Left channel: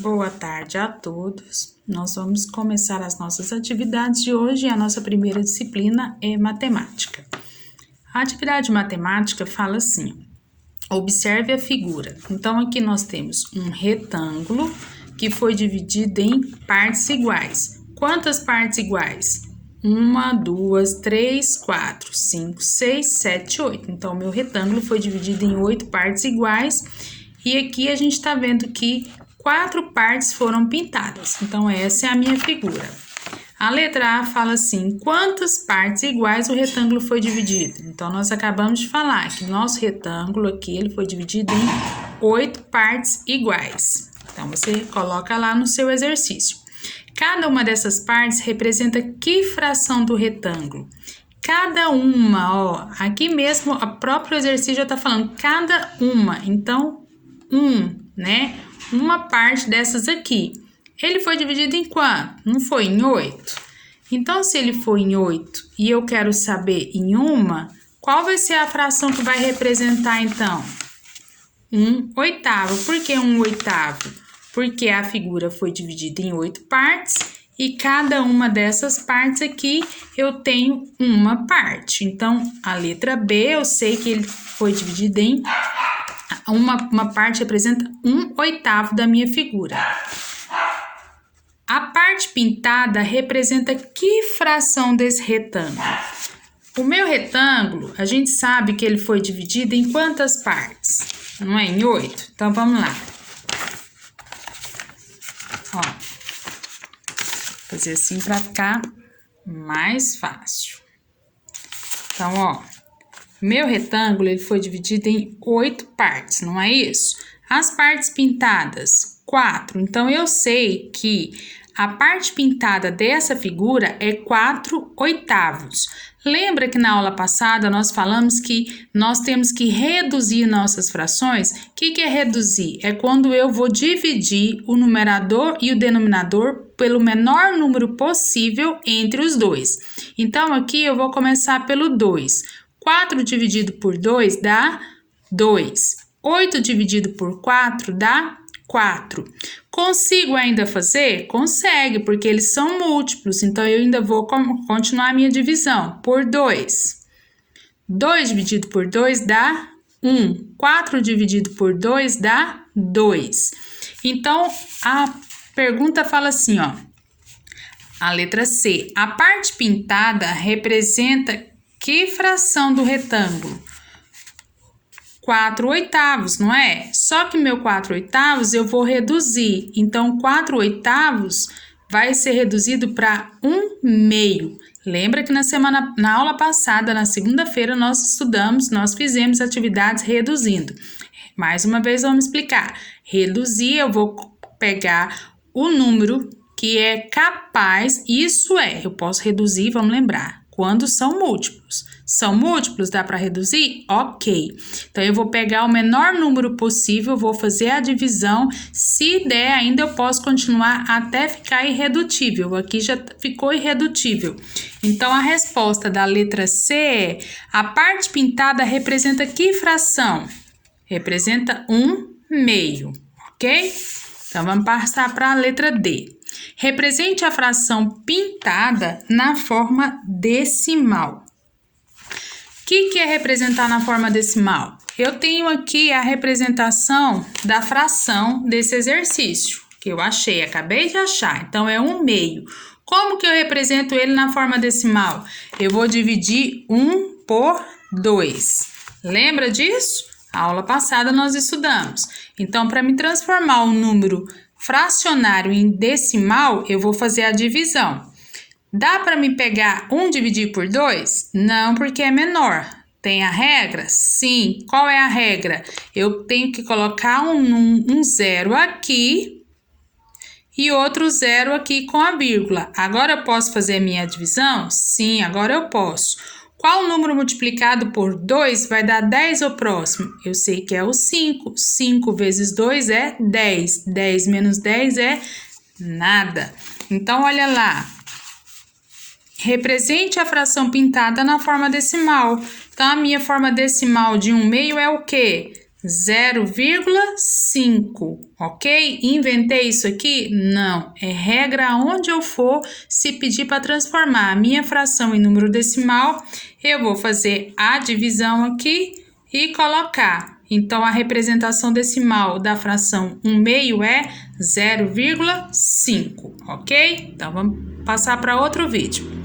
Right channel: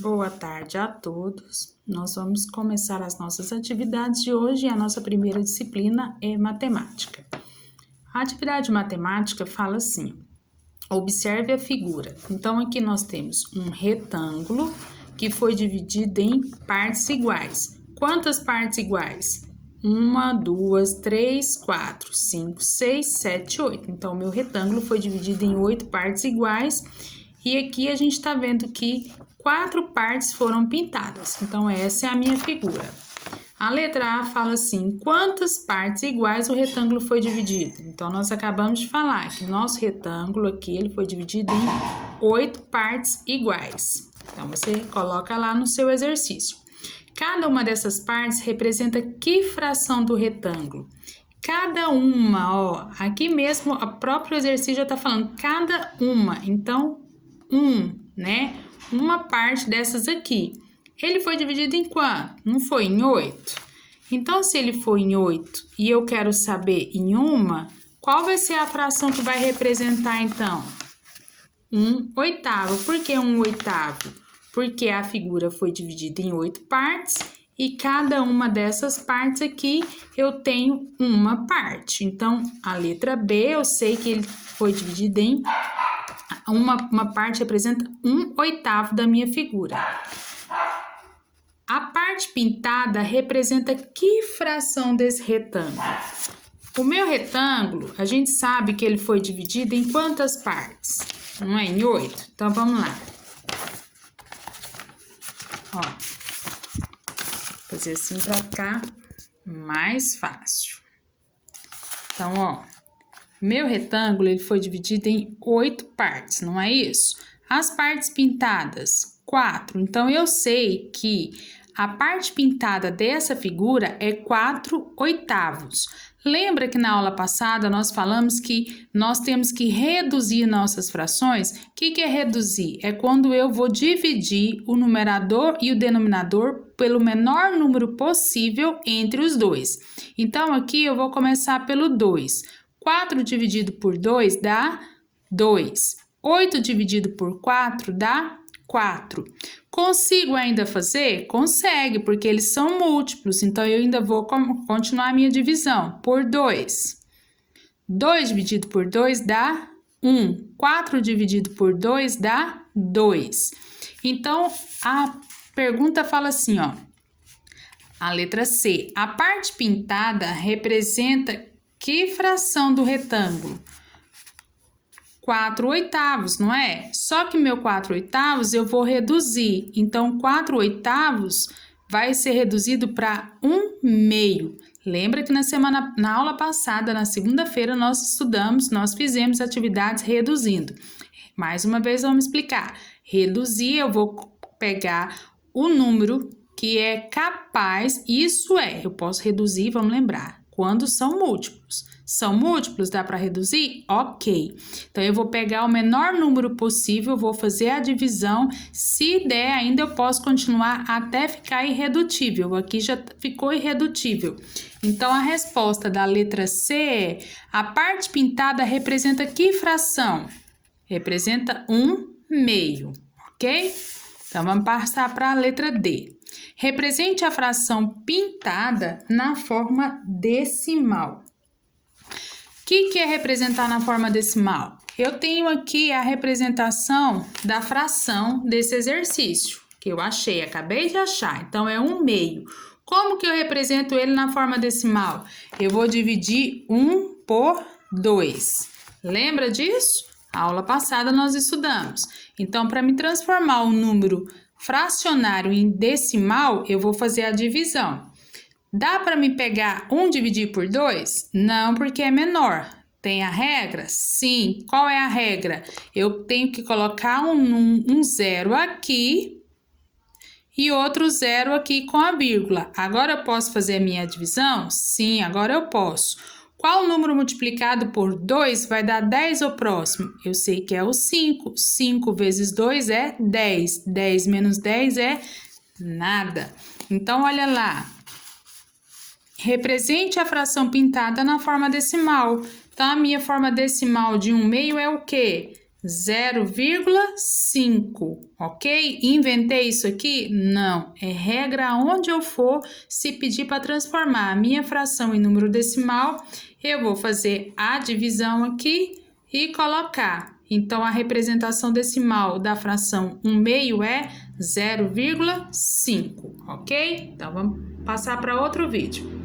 Boa tarde a todos. Nós vamos começar as nossas atividades de hoje. A nossa primeira disciplina é matemática. A atividade matemática fala assim: observe a figura. Então, aqui nós temos um retângulo que foi dividido em partes iguais. Quantas partes iguais? 1, 2, 3, 4, 5, 6, 7, 8. Então, meu retângulo foi dividido em 8 partes iguais. E aqui a gente está vendo que 4 partes foram pintadas. Então, essa é a minha figura. A letra A fala assim: quantas partes iguais o retângulo foi dividido? Então, nós acabamos de falar que nosso retângulo aqui ele foi dividido em 8 partes iguais. Então, você coloca lá no seu exercício. Cada uma dessas partes representa que fração do retângulo? Cada uma, ó, aqui mesmo, o próprio exercício já está falando cada uma. Então, né? Uma parte dessas aqui. Ele foi dividido em quanto? Não foi em 8? Então, se ele for em 8 e eu quero saber em uma, qual vai ser a fração que vai representar, então? 1/8. Por que 1/8? Porque a figura foi dividida em 8 partes e cada uma dessas partes aqui eu tenho uma parte. Então, a letra B eu sei que ele foi dividido em uma parte representa 1/8 da minha figura. A parte pintada representa que fração desse retângulo? O meu retângulo, a gente sabe que ele foi dividido em quantas partes? Não é em 8? Então, vamos lá. Ó, fazer assim para ficar mais fácil. Então, ó, meu retângulo ele foi dividido em 8 partes, não é isso? As partes pintadas, 4. Então, eu sei que a parte pintada dessa figura é 4/8. Lembra que na aula passada nós falamos que nós temos que reduzir nossas frações? O que é reduzir? É quando eu vou dividir o numerador e o denominador pelo menor número possível entre os dois. Então, aqui eu vou começar pelo 2. 4 dividido por 2 dá 2. 8 dividido por 4 dá 4. Consigo ainda fazer? Consegue, porque eles são múltiplos. Então, eu ainda vou continuar a minha divisão por 2. 2 dividido por 2 dá 1. 4 dividido por 2 dá 2. Então, a pergunta fala assim, ó. A letra C. A parte pintada representa que fração do retângulo? 4/8, não é? Só que meu 4/8 eu vou reduzir. Então, 4/8 vai ser reduzido para 1/2. Lembra que na aula passada, na segunda-feira, nós fizemos atividades reduzindo. Mais uma vez, vamos explicar. Reduzir, eu vou pegar o número que é capaz, isso é, eu posso reduzir, vamos lembrar, quando são múltiplos. São múltiplos, dá para reduzir? Ok. Então, eu vou pegar o menor número possível, vou fazer a divisão. Se der, ainda eu posso continuar até ficar irredutível. Aqui já ficou irredutível. Então, a resposta da letra C é: a parte pintada representa que fração? Representa 1/2, ok? Então, vamos passar para a letra D. Represente a fração pintada na forma decimal. O que é representar na forma decimal? Eu tenho aqui a representação da fração desse exercício, que eu achei, acabei de achar. Então, é 1/2. Como que eu represento ele na forma decimal? Eu vou dividir 1 por 2. Lembra disso? A aula passada nós estudamos. Então, para me transformar um número fracionário em decimal, eu vou fazer a divisão. Dá para me pegar 1 dividir por 2? Não, porque é menor. Tem a regra? Sim. Qual é a regra? Eu tenho que colocar um zero aqui e outro zero aqui com a vírgula. Agora eu posso fazer minha divisão? Sim, agora eu posso. Qual número multiplicado por 2 vai dar 10 ao próximo? Eu sei que é o 5. 5 vezes 2 é 10. 10 menos 10 é nada. Então, olha lá. Represente a fração pintada na forma decimal. Então, a minha forma decimal de 1/2 é o quê? 0,5, ok? Inventei isso aqui? Não, é regra aonde eu for. Se pedir para transformar a minha fração em número decimal, eu vou fazer a divisão aqui e colocar. Então, a representação decimal da fração 1/2 é 0,5, ok? Então, vamos passar para outro vídeo.